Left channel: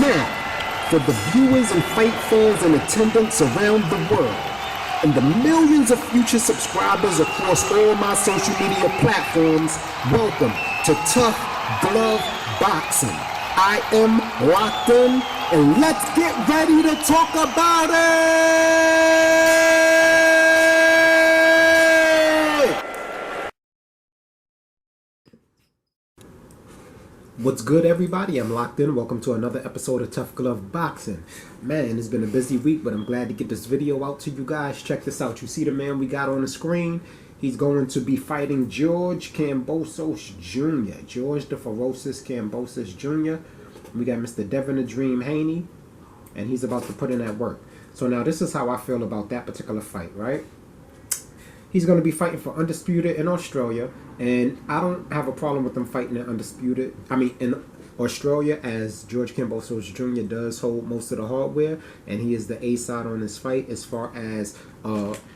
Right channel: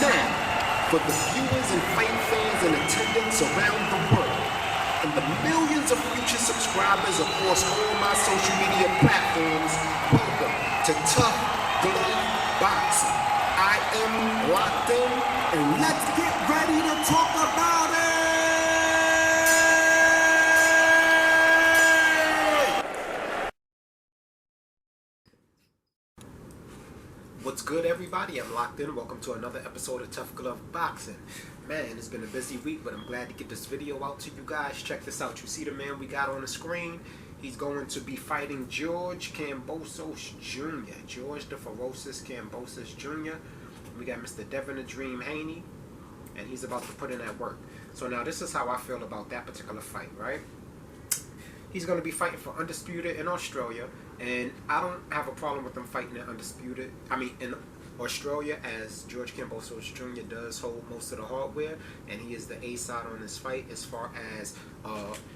Now, for the viewers and fight fans in attendance around the world, and the millions of future subscribers across all my social media platforms, welcome to Tough Glove Boxing. I am locked in, and let's get ready to talk about it! What's good, everybody? I'm locked in. Welcome to another episode of Tough Glove Boxing. Man, it's been a busy week, but I'm glad to get this video out to you guys. Check this out. You see the man we got on the screen? He's going to be fighting George Kambosos Jr. George the Ferocious Kambosos Jr. We got Mr. Devin the Dream Haney, and he's about to put in that work. So now this is how I feel about that particular fight, right? He's going to be fighting for Undisputed in Australia, and I don't have a problem with him fighting in Undisputed. In Australia, as George Kambosos Jr. does hold most of the hardware, and he is the A side on this fight as far as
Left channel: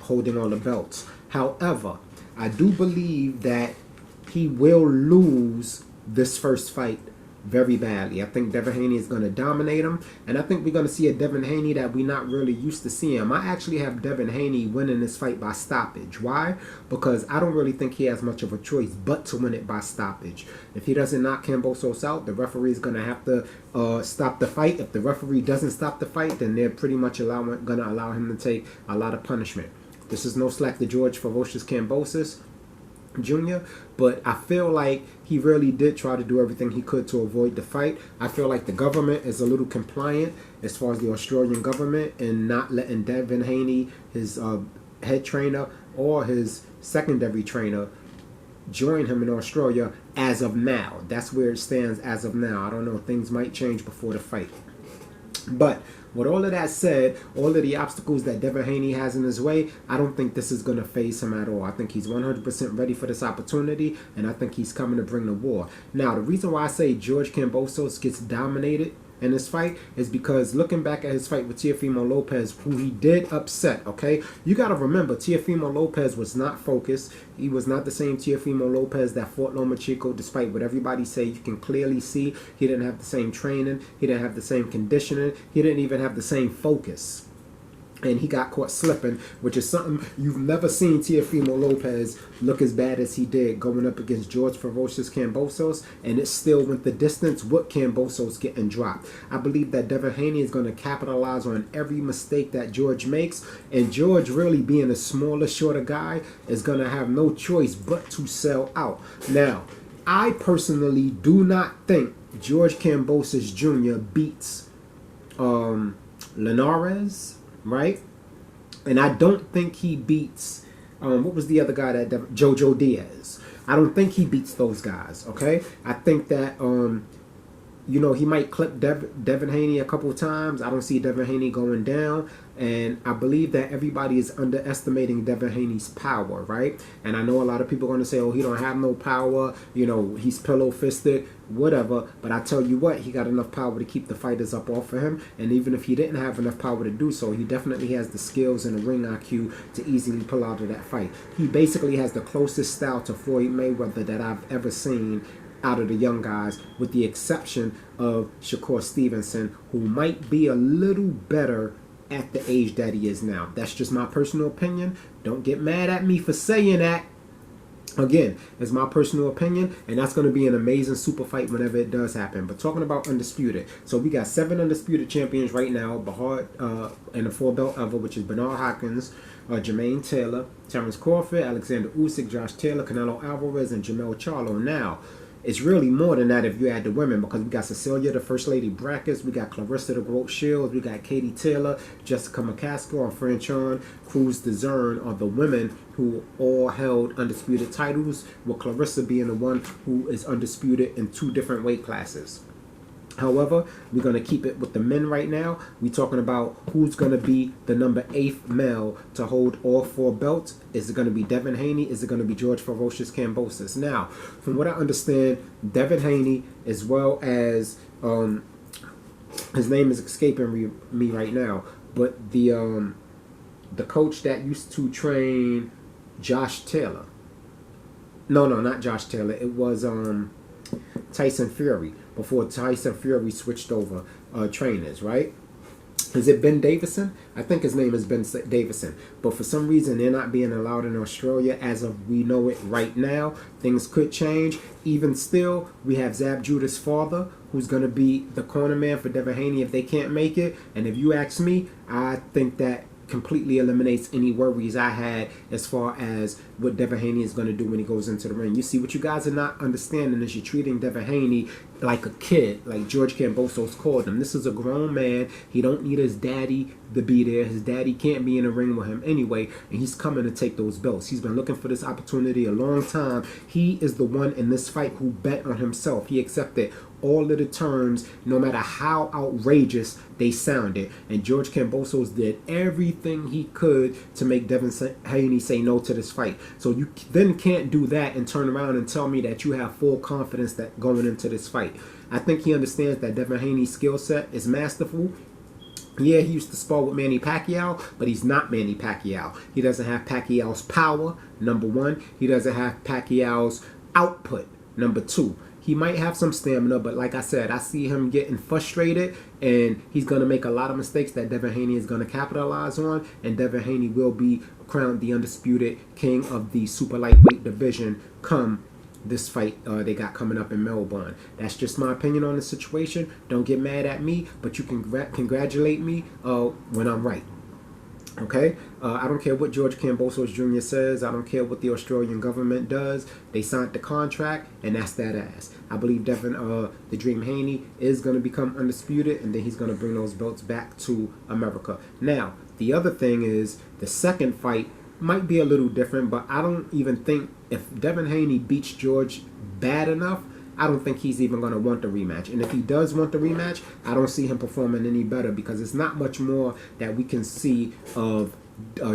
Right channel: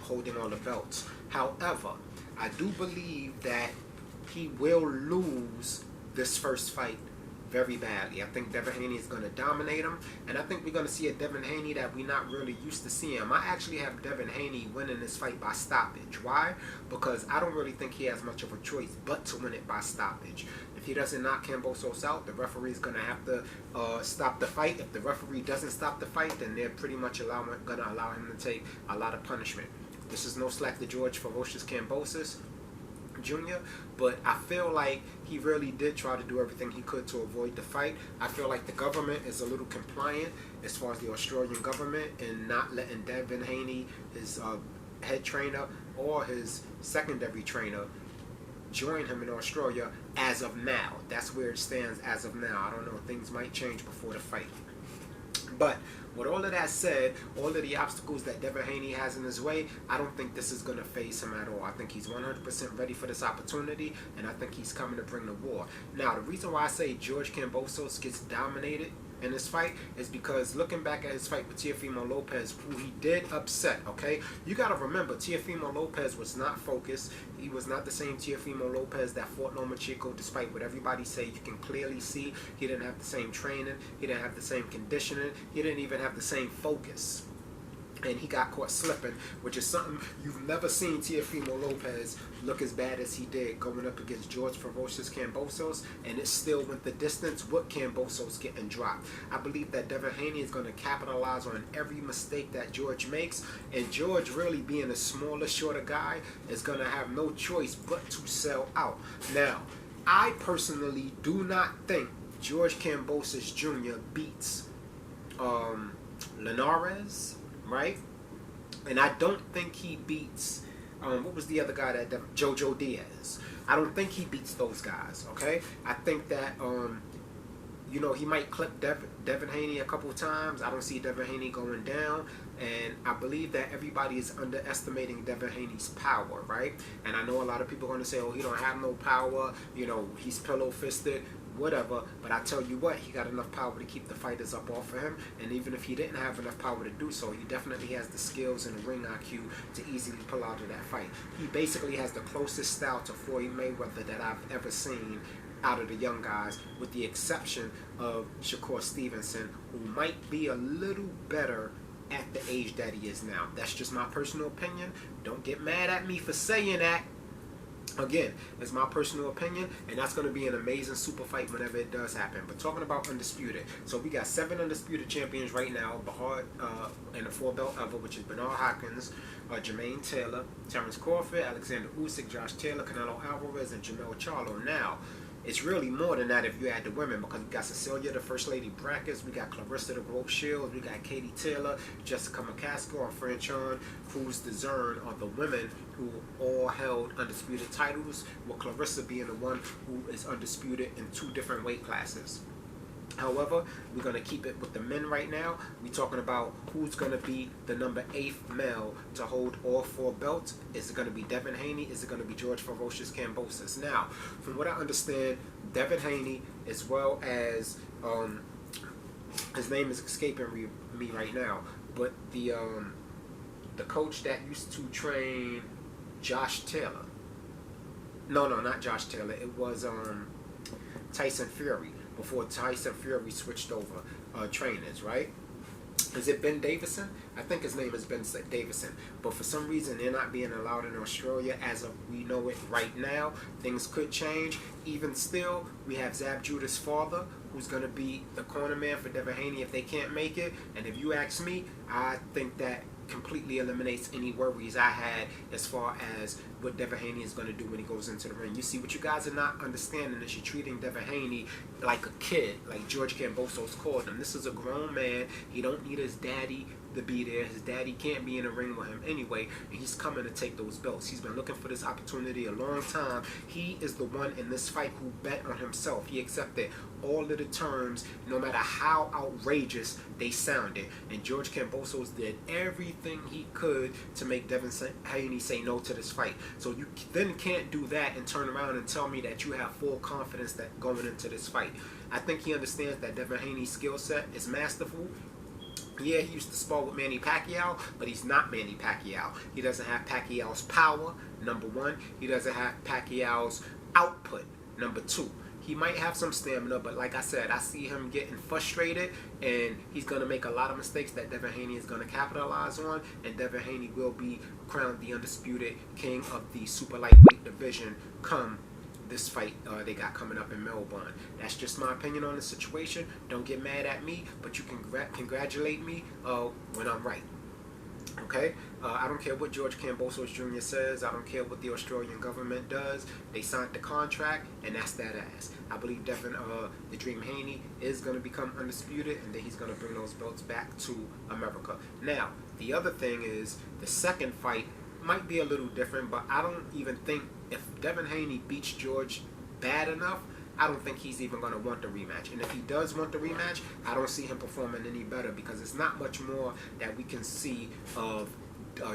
holding all the belts. However, I do believe that he will lose this first fight very badly. I think Devin Haney is going to dominate him, and I think we're going to see a Devin Haney that we're not really used to seeing. I actually have Devin Haney winning this fight by stoppage. Why? Because I don't really think he has much of a choice but to win it by stoppage. If he doesn't knock Kambosos out, the referee is going to have to stop the fight. If the referee doesn't stop the fight, then they're pretty much going to allow him to take a lot of punishment. This is no slack to George Ferocious Kambosos Jr., but I feel like he really did try to do everything he could to avoid the fight. I feel like the government is a little compliant as far as the Australian government in not letting Devin Haney, his head trainer or his secondary trainer, join him in Australia as of now. That's where it stands as of now. I don't know, things might change before the fight. But with all of that said, all of the obstacles that Devin Haney has in his way, I don't think this is going to faze him at all. I think he's 100% ready for this opportunity, and I think he's coming to bring the war. Now, the reason why I say George Kambosos gets dominated in this fight is because looking back at his fight with Teofimo Lopez, who he did upset, okay? You got to remember, Teofimo Lopez was not focused. He was not the same Teofimo Lopez that fought Loma Chico, despite what everybody say. You can clearly see he didn't have the same training. He didn't have the same conditioning. He didn't even have the same focus. And he got caught slipping, which is something you've never seen Teofimo Lopez look as bad as he did going up against George Ferocious Kambosos, and it still went the distance with Kambosos getting dropped. I believe that Devin Haney is going to capitalize on every mistake that George makes, and George, really being a smaller, shorter guy, is going to have no choice but to sell out. Now, I personally do not think George Kambosos Jr. beats Linares, right? And I don't think he beats what was the other guy that Jojo Diaz. I don't think he beats those guys, okay? I think that you know, he might clip Devin Haney a couple of times. I don't see Devin Haney going down, and I believe that everybody is underestimating Devin Haney's power, right? And I know a lot of people are going to say, oh, he don't have no power, you know, he's pillow-fisted, whatever. But I tell you what, he got enough power to keep the fighters up off of him, and even if he didn't have enough power to do so, he definitely has the skills and the ring IQ to easily pull out of that fight. He basically has the closest style to Floyd Mayweather that I've ever seen out of the young guys, with the exception of Shakur Stevenson, who might be a little better at the age that he is now. That's just my personal opinion. Don't get mad at me for saying that. Again, it's my personal opinion, and that's going to be an amazing super fight whenever it does happen. But talking about Undisputed, so we got 7 Undisputed champions right now, Bahar and the 4-belt ever, which is Bernard Hopkins, Jermaine Taylor, Terrence Crawford, Alexander Usyk, Josh Taylor, Canelo Alvarez, and Jamel Charlo. Now, it's really more than that if you add the women, because we got Cecilia, the First Lady Brackets, we got Clarissa, the Groat Shields, we got Katie Taylor, Jessica McCaskill, and Franchon Cruz DeZern are the women who all held undisputed titles, with Clarissa being the one who is undisputed in 2 different weight classes. However, we're going to keep it with the men right now. We're talking about who's going to be the number 8th male to hold all 4 belts. Is it going to be Devin Haney? Is it going to be George Ferocious Kambosos? Now, from what I understand, Devin Haney, as well as his name is escaping me right now, but the coach that used to train Josh Taylor. No, not Josh Taylor. It was Tyson Fury before Tyson Fury switched over trainers, right? Is it Ben Davison? I think his name is Ben Davison. But for some reason, they're not being allowed in Australia as of we know it right now. Things could change. Even still, we have Zab Judah's father, who's going to be the corner man for Devin Haney if they can't make it. And if you ask me, I think that completely eliminates any worries I had as far as what Devin Haney is going to do when he goes into the ring. You see, what you guys are not understanding is you're treating Devin Haney like a kid, like George Kambosos called him. This is a grown man. He don't need his daddy to be there. His daddy can't be in the ring with him anyway, and he's coming to take those belts. He's been looking for this opportunity a long time. He is the one in this fight who bet on himself. He accepted all of the terms, no matter how outrageous they sounded. And George Kambosos did everything he could to make Devin Haney say no to this fight. So you then can't do that and turn around and tell me that you have full confidence that going into this fight. I think he understands that Devin Haney's skill set is masterful. Yeah, he used to spar with Manny Pacquiao, but he's not Manny Pacquiao. He doesn't have Pacquiao's power, number one. He doesn't have Pacquiao's output, number two. He might have some stamina, but like I said, I see him getting frustrated, and he's going to make a lot of mistakes that Devin Haney is going to capitalize on, and Devin Haney will be crowned the undisputed king of the super lightweight division come this fight they got coming up in Melbourne. That's just my opinion on the situation. Don't get mad at me, but you can congratulate me when I'm right. Okay, I don't care what George Kambosos Jr. says. I don't care what the Australian government does. They signed the contract, and that's that ass. I believe Devin, the Dream Haney, is going to become undisputed, and then he's going to bring those belts back to America. Now, the other thing is the second fight might be a little different, but I don't even think if Devin Haney beats George bad enough, I don't think he's even going to want the rematch. And if he does want the rematch, I don't see him performing any better because it's not much more that we can see of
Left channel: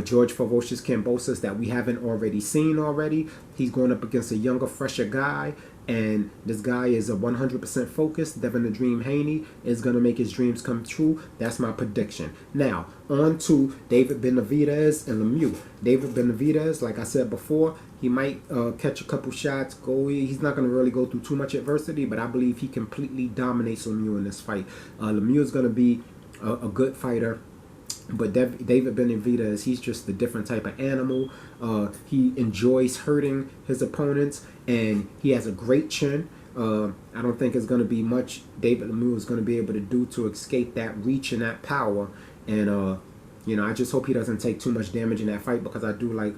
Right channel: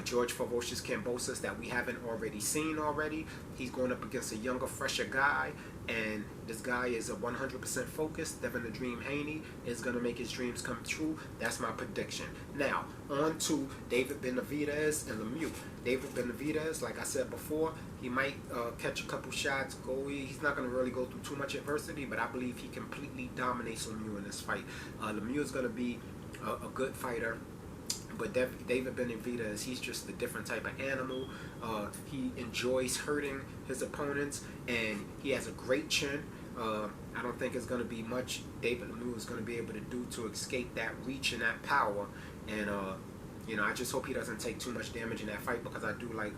George Ferocious Kambosos that we haven't already seen already. He's going up against a younger, fresher guy. And this guy is a 100% focused. Devin the Dream Haney is going to make his dreams come true. That's my prediction. Now, on to David Benavidez and Lemieux. David Benavidez, like I said before, he might catch a couple shots. He's not going to really go through too much adversity, but I believe he completely dominates Lemieux in this fight. Lemieux is going to be a good fighter. But David Benavidez, he's just a different type of animal. He enjoys hurting his opponents, and he has a great chin. I don't think it's going to be much David Lemieux is going to be able to do to escape that reach and that power. And, you know, I just hope he doesn't take too much damage in that fight because I do like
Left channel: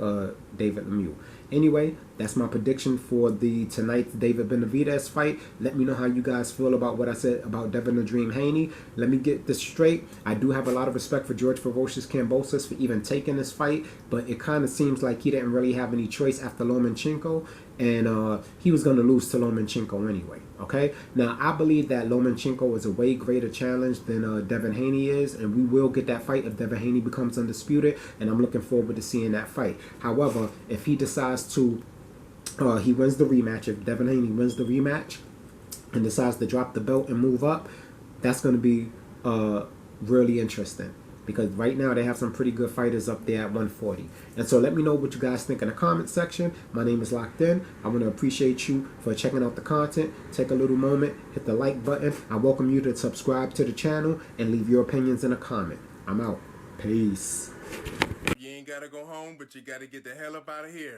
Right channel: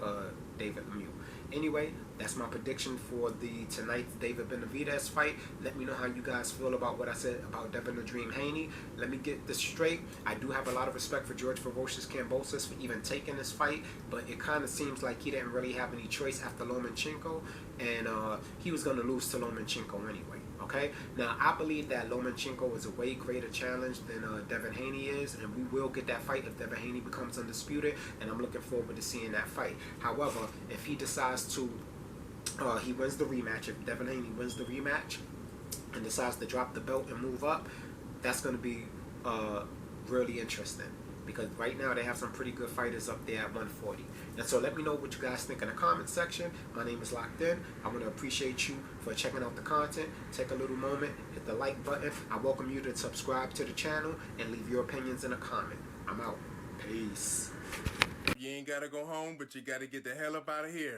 David Lemieux. Anyway, that's my prediction for tonight's David Benavidez fight. Let me know how you guys feel about what I said about Devin the Dream Haney. Let me get this straight. I do have a lot of respect for George Ferocious Kambosos for even taking this fight, but it kind of seems like he didn't really have any choice after Lomachenko, and he was going to lose to Lomachenko anyway. Okay, now I believe that Lomachenko is a way greater challenge than Devin Haney is, and we will get that fight if Devin Haney becomes undisputed, and I'm looking forward to seeing that fight. However, if he decides to, he wins the rematch, if Devin Haney wins the rematch and decides to drop the belt and move up, that's going to be really interesting. Because right now they have some pretty good fighters up there at 140. And so let me know what you guys think in the comment section. My name is Locked In. I want to appreciate you for checking out the content. Take a little moment, hit the like button. I welcome you to subscribe to the channel and leave your opinions in a comment. I'm out. Peace. You ain't got to go home, but you got to get the hell up out of here.